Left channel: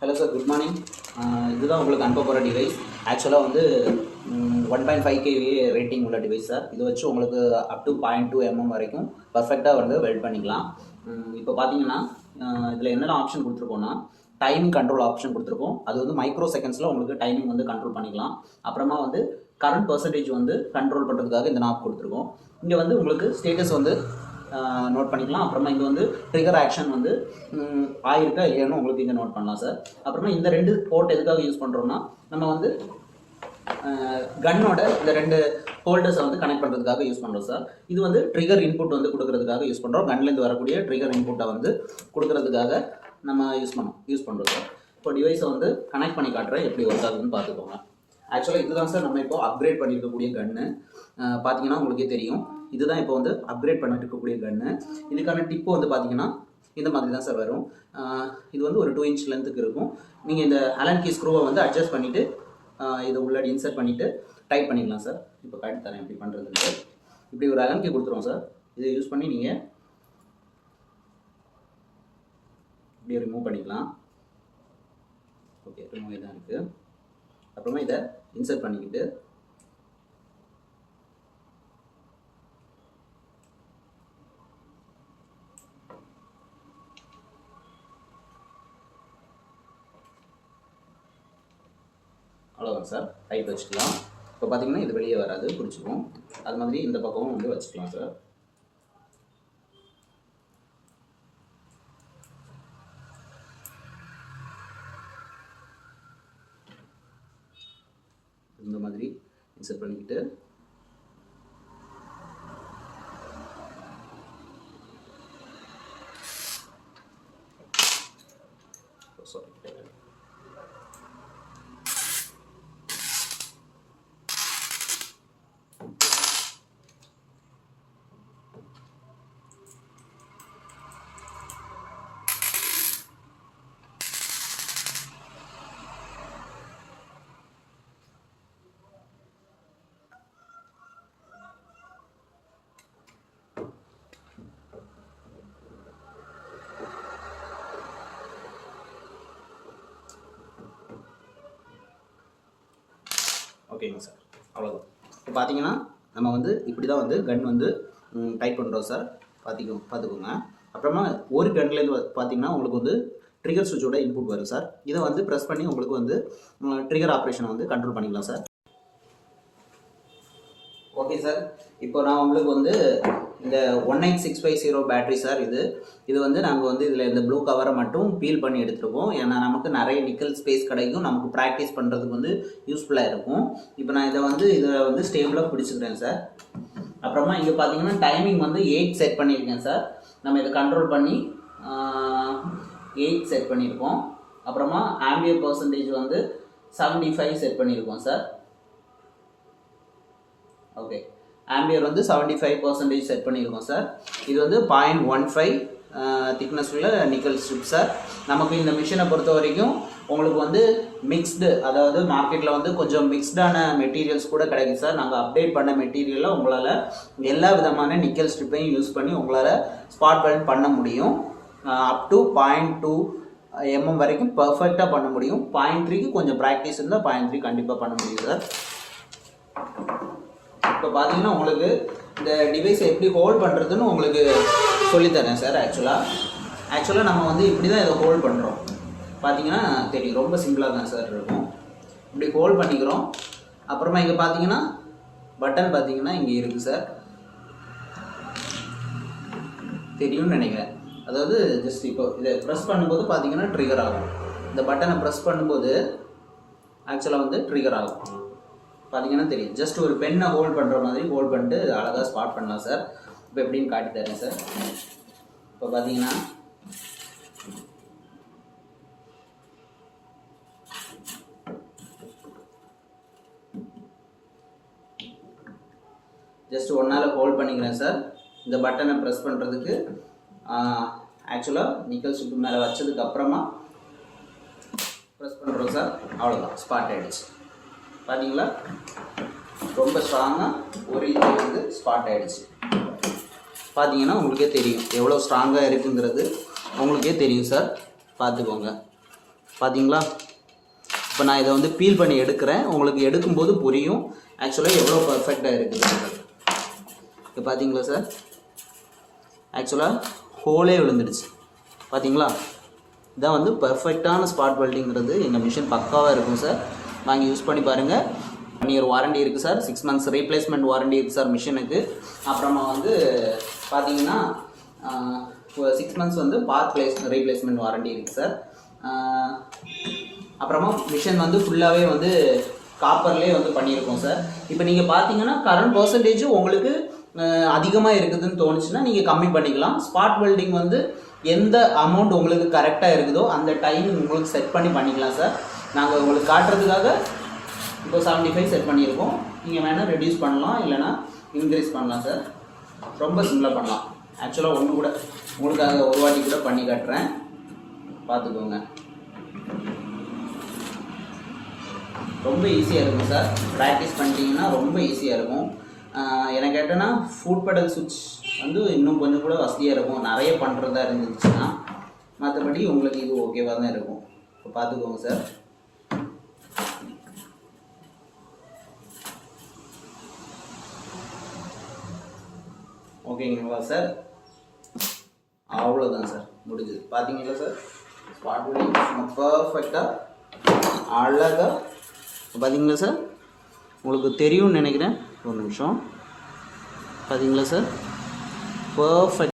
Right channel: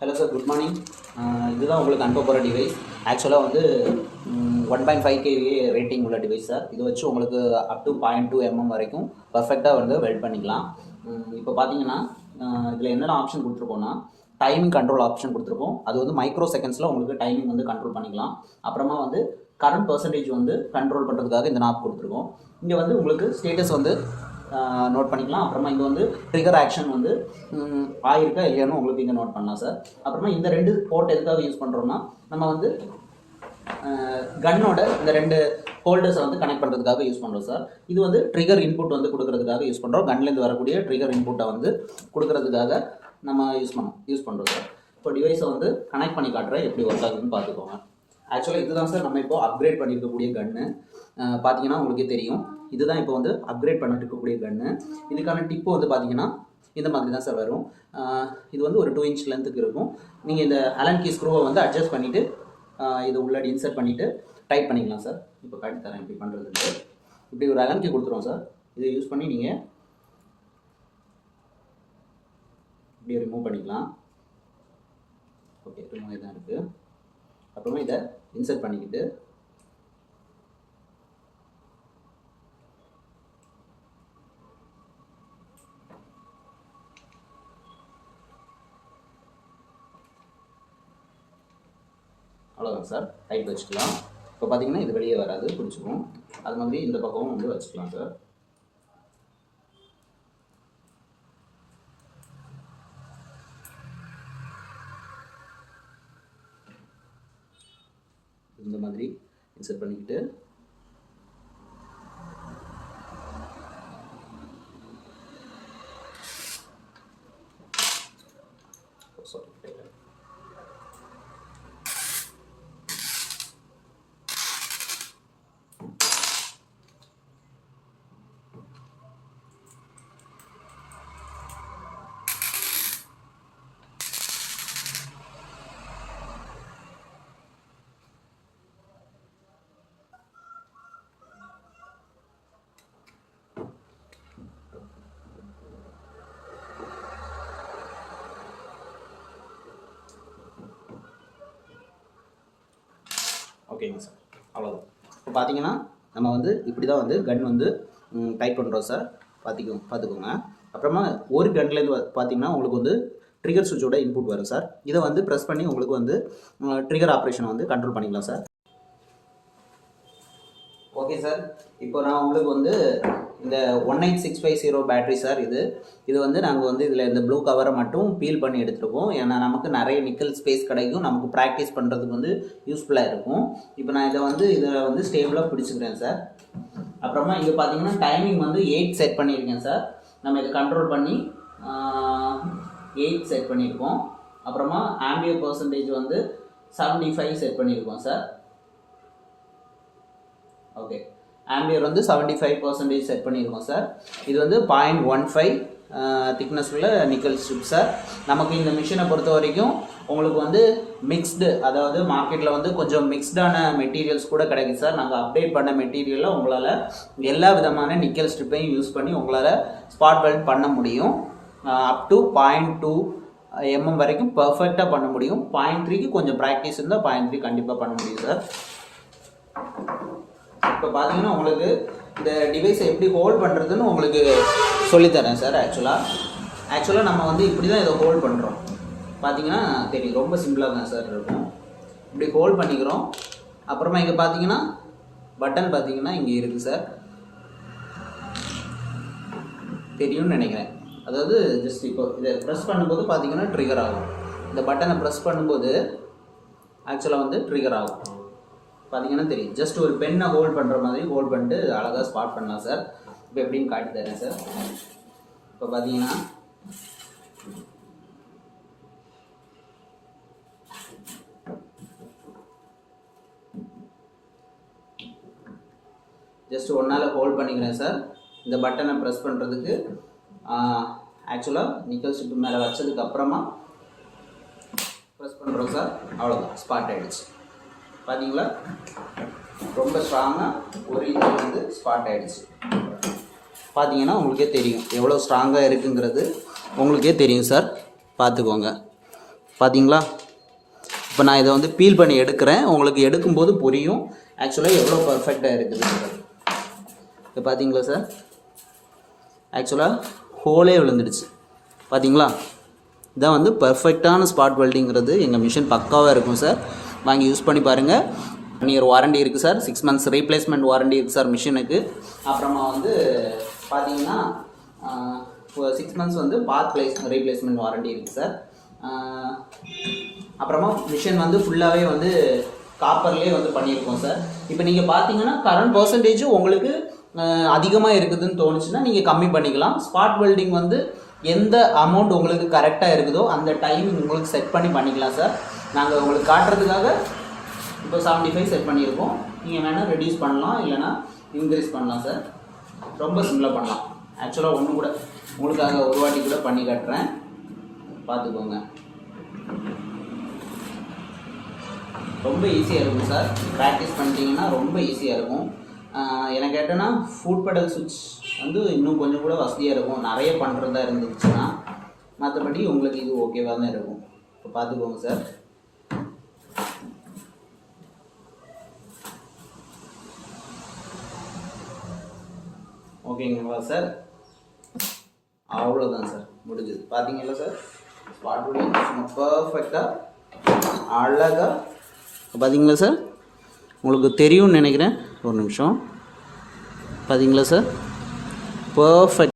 Hello sir, good morning. இதுதான் உங்களுக்கு அனுப்ப போகிற டிவைஸ். ஆக்சுவலாக வந்து 1.5 kVA ரேட்டிங் உள்ள டிவைஸ் சார். இது வச்சு உங்களுக்கு அப் டு 0.2 mm வரைக்கும் பர்ஃபெக்டாக வந்து வெல்ட் பண்ணிக்கலாம். இப்போ பார்த்தீங்கன்னா இதில் என்னென்ன ஆப்ஷன் கொடுத்துருக்கோன்னா, டைமிங் கண்ட்ரோல் ஆப்ஷன் கொடுத்துருக்கோம். அது வந்து மைக்ரோ செகண்ட்ஸில் உங்களுக்கு டைமிங் வந்து கண்ட்ரோல் பண்ணிக்கலாம். அப்புறமா வந்து கரண்ட் பர்சன்டேஜ் வந்து கண்ட்ரோல் பண்ணுறதுக்காக இந்த நாப் கொடுத்துருக்கோம். இங்கே வந்து உங்களுக்கு ஸ்டேட்டஸ் வந்து நோட் பண்ணிக்கலாம். அப்புறமா இங்கே வந்து ட்ரிகர் ஆக்ஷன் வந்து ஆயிருக்கா இல்லையான்னு உங்களுக்கு இங்கே நோட் பண்ணலாம் சார். அப்புறமா இந்த ரெண்டு போர்ட் எதுக்காக யூஸ் பண்ணுறோம்னா, நம்ம வந்து கன்னோட இந்த ரெண்டு ஹோல்டர்ஸை வந்து கனெக்ட் பண்ணுறதுக்காக யூஸ் பண்ணுறோம் சார். இது வந்து ட்ரிகர் இன்புட் வந்து கொடுக்கறதுக்காக யூஸ் பண்ணுறோம். கன்லேருந்து வரக்கூடிய ட்ரிகர் இன்புட்டை வந்து கொடுக்கறதுக்காக நம்ம யூஸ் பண்ணுறோம் சார். இப்போ டிவைஸை வந்து கனெக்ட் பண்ணி காட்டுறேன், எப்படி ஒர்க் ஆகுதுன்னு பார்த்துக்கோங்க. ஆக்சுவலாக இதுதான் சார் நம்ம இப்போ அப்கிரேட் பண்ணியிருக்கக்கூடிய கன்னு. பார்த்தீங்கன்னா உங்களுக்கே தெரியும், இதுதான் இப்போ வந்து அப்கிரேட் பண்ணிட்டு இருக்கக்கூடிய கன்னு. இதுக்கான டிப்பு வந்து பார்த்தீங்கன்னா இந்த மாதிரி தான் சார் வரும். இது வந்து ஒரு 2 inch லென்த்துக்கு இருக்கும். நீங்கள் இந்த அலன் கீ ஸ்க்ரூவை வந்து அட்ஜஸ்ட் பண்ணிவிட்டு இதை உள்ளாடி இன்சர்ட் பண்ணிவிட்டு டைட் பண்ணிக்கலாம் சார். இப்போ காட்டி தரேன் எப்படி பண்ணுறதுக்கு. இப்படி ஒரு அலன் கீ கொடுத்துருவோம் சார். இதை யூஸ் பண்ணி நீங்கள் இப்படி ரிமூவ் பண்ணிக்கலாம். ஓகே, ரிமூவ் தான் இருக்குது. அப்புறமா இதை இன்சர்ட் பண்ணிக்கிட்டு அவ்வளோதான் சார், டைட் வச்சுக்கலாம். இப்போ பார்த்தீங்கன்னா இது வெளியே வராது, பிடிச்சிக்கும். அது மாதிரி இந்த பக்கமும் வந்து வச்சுக்கலாம் சார். இந்த மாதிரி இன்சர்ட் பண்ணிக்கிட்டு ஓகேங்க சார், அவ்வளோதான். இப்போ பார்த்தீங்கன்னா நம்ம வந்து இப்படி தான் வந்து கன் வந்து டைட் பண்ணுறோம் சார். பார்த்துக்கோங்க. அப்புறமா ஒரு கன்லேருந்து பார்த்தீங்கன்னா உங்களுக்கு வந்து ட்ரிகர் சுவிட்சோட இன்புட் வரும் சார். இதை வந்து ப்ரெஸ் பண்ணி உங்களுக்கு வந்து ட்ரிகர் ஆப்ரேஷனை வந்து கண்ட்ரோல் பண்ணிக்கலாம் சார். ஓகே சார், இப்போ நான் உங்களுக்கு வந்து இந்த 19650 பேட்டரி சார். இது வந்து நாங்கள் வந்து இதில் இந்த ப்ளூ கவரை மட்டும் பீல் பண்ணி எடுத்துருக்கோம். ஏன்னா நமக்கு நிறைய நிக்கல் ஸ்பேஸ் கிடைக்கும், நமக்கு ப்ராக்டிஸ் பண்ணுறதுக்கு வந்து யூஸ்ஃபுல்லாக இருக்கும். இப்போ நான் இதில் வந்து ஸ்டேபிளாக பிடிச்சிக்கிறேன் சார். அப்புறமா இங்கே பார்த்தீங்கன்னா டைமிங் வந்து 8 செட் பண்ணியிருக்கேன் சார். நம்ம இதை கண்ட்ரோல் பண்ணி 8 செட் பண்ணியிருக்கோம். அப்புறமா ஆம்பியர் பர்சன்டேஜ் வந்து 75 செட் பண்ணியிருக்கோம் சார். ஓகே, ஆம்பியர் வந்து 75% செட் பண்ணியிருக்கோம் சார். இது வந்து 0.15 திக்னஸ் உள்ள நிக்கல் ஸ்ட்ரிப் சார். நமக்கு இந்த மிஷினை பொறுத்த வரைக்கும் உங்களுக்கு வந்து மிக்ஸ்டு, அதாவது மார்க்கெட்டில் வந்து கொஞ்சம் மிக்ஸ்டான மெட்டீரியல்ஸ் கூட கிடைக்குது சார். நாங்கள் அப்டேட் பண்ண மெட்டீரியலில் உங்களால் எல்லா விதமான நிக்கல் ஸ்ட்ரிப்பையும் யூஸ் பண்ணி உங்களால் ஸ்பாட் வெல்ட் பண்ண முடியும். அப் டு 0.2 mm வரைக்கும் பர்ஃபெக்டாக பண்ண முடியும். 0.3க்கு கொஞ்சம் ப்ராக்டிஸ் இருந்தால் 0.3 கண்டிப்பாக பண்ண முடியும் சார். இப்போ பார்த்தீங்கன்னா உங்களுக்கு இந்த டிவைஸை எப்படி ஹோல்ட் பண்ணுறதுன்னு உங்களுக்கு சொல்லித்தரேன் சார். ஆக்சுவலாக நம்ம வந்து இப்படி தான் இதை ஹோல்ட் பண்ணுறோம். பார்த்தீங்கன்னா தெரியும், ரொம்ப சிம்பிளாக தான் சார் இருக்கும். இப்படி ஹோல்ட் பண்ணிக்கிறோம். அப்புறமா இங்கே பார்த்தீங்கன்னா பட்டன் பார்த்தீங்கன்னா இங்கே இருக்குது சார், தெரியும்னு நினைக்கிறேன். அதாவது ஜஸ்ட் இப்போ இதை ப்ரெஸ் பண்ணும்போது பார்த்தீங்கன்னா ட்ரிகர் ஆகும். இந்த பட்டனை ப்ரெஸ் பண்ணும்போது ஆக்சுவலாக வந்து ட்ரிகர் ஆகும். பார்த்தீங்கன்னா தெரியும், ஜஸ்ட் ஒரு பெண்ணை ஹோல்ட் பண்ணுற மாதிரி ஹோல்ட் பண்ணிட்டு அழகாக ஸ்பாட் பண்ணலாம் சார். இப்போ எப்படின்னு காட்டி தரேன் சார். இப்போ பார்த்தீங்கன்னா ஜஸ்ட் ஒன்றால் ஹோல்ட் பண்ணிக்கிறேன் சார். இந்த பட்டனை ப்ரெஸ் பண்ணுறதுக்கு ஆக்சுவலாக நிக்கல் ஸ்ட்ரிப் மேலே வச்சதுக்கு அப்புறமா ப்ரெஸ் பண்ணுறோம் சார். அவ்வளோதான், ஸ்பாட் ஆகிடுச்சு. பார்த்தீங்களா, ரொம்ப ஸ்ட்ராங்காக ஒரு இது வந்து ஸ்பாட் ஆகிடுச்சு. பார்த்தீங்கன்னா உங்களுக்கே தெரியும் எவ்வளோ ஸ்ட்ராங்காக இருக்குங்கிறது உங்களுக்கே தெரியும் சார். பார்த்துக்கோங்க. பார்த்தீங்களா? இப்போ நான் இதை வந்து பீல் பண்ணி எடுக்கிறேன், உங்களுக்கு எடுக்கும்போது புரியும் ஆக்சுவலாக எவ்வளோ பர்ஃபெக்டாக இருக்குது. இப்போ பார்த்தீங்களா சார், ஆக்சுவலாக ஹோலே விழுந்துடுச்சு. பார்த்தீங்களா? இதான் வந்து பர்ஃபெக்டான ஸ்பாட் வெல்டிங்கிறது. எங்கள் மிஷின் பக்காவாக இருக்கும் சார், வாங்கி யூஸ் பண்ணி பாருங்கள். 1 இயர் வாரண்டி இருக்குது சார், 6 months ரீப்ளேஸ்மெண்ட் வாரண்டி இருக்குது சார் மிஷினுக்கு. அப்புறமா வந்து பார்த்தீங்கன்னா 6 months வந்து பார்ட் ரீப்ளேஸ்மெண்ட் வாரண்டி இருக்குது சார். அப்புறமா மிஷின் வந்து ஃபுல்லாகவே வந்து காப்பர்லேயே வந்து பண்ணியிருக்கோம் சார். இப்போ நீங்கள் பார்த்தீங்கன்னா கரண்ட் பர்சன்டேஜ் உங்களுக்கு அதிகமாக இருக்குதுன்னு தோணுச்சுன்னா நீங்கள் கம்மி பண்ணிக்கலாம். ஸ்பாட் வெல்டிங் வந்து எந்த அமௌண்ட் உங்களுக்கு கரெக்டாக இருக்குதோ அந்த டைம் உங்களுக்கு செட் பண்ணி பண்ணிக்கலாம் சார். நாங்கள் உங்களுக்கு காட்டுறதுக்காக இப்போ 75 செட் பண்ணியிருக்கோம். நீங்கள் வேணால் ரெடியூஸ் பண்ணலாம், இல்லைனா இன்க்ரீஸ் பண்ணலாம் சார். ரொம்ப சிம்பிளாக பண்ணலாம். ஆக்சுவலாக ஒன்று கூட உங்களுக்காக ஒரு வாட்டி கூட பண்ணி காட்டுறேன், பார்த்துக்கோங்க. ரொம்ப ஈஸியாக இருக்கும் சார், ப்ராக்டிஸ் பண்ணிட்டீங்கன்னா ரொம்ப ஈஸியாக இருக்கும். எனக்கு கேட்டேன்னா ஃபுட் பெடல் சுவிட்ச் வந்து இன்னும் கொஞ்சம் கூட வசதியாக இருக்கும், நிறைய பண்ணுறதா இருந்துச்சுன்னா. மற்றபடி உங்களுக்கு இது ஓகேவாக தான் இருக்கும். இப்போ பார்த்துக்கோங்க சார். ஓகேங்களா சார்? அவ்வளோதான் சார், முடிஞ்சது. பார்த்தீங்களா சார், ஸ்பாட் வெல்டிங் பர்ஃபெக்டாக அழகாக. பார்த்தீங்களா சார், உங்களுக்கு தெரியும்னு நினைக்கிறேன். ஒரு நிமிஷம். பார்த்தீங்களா சார், பர்ஃபெக்ட்.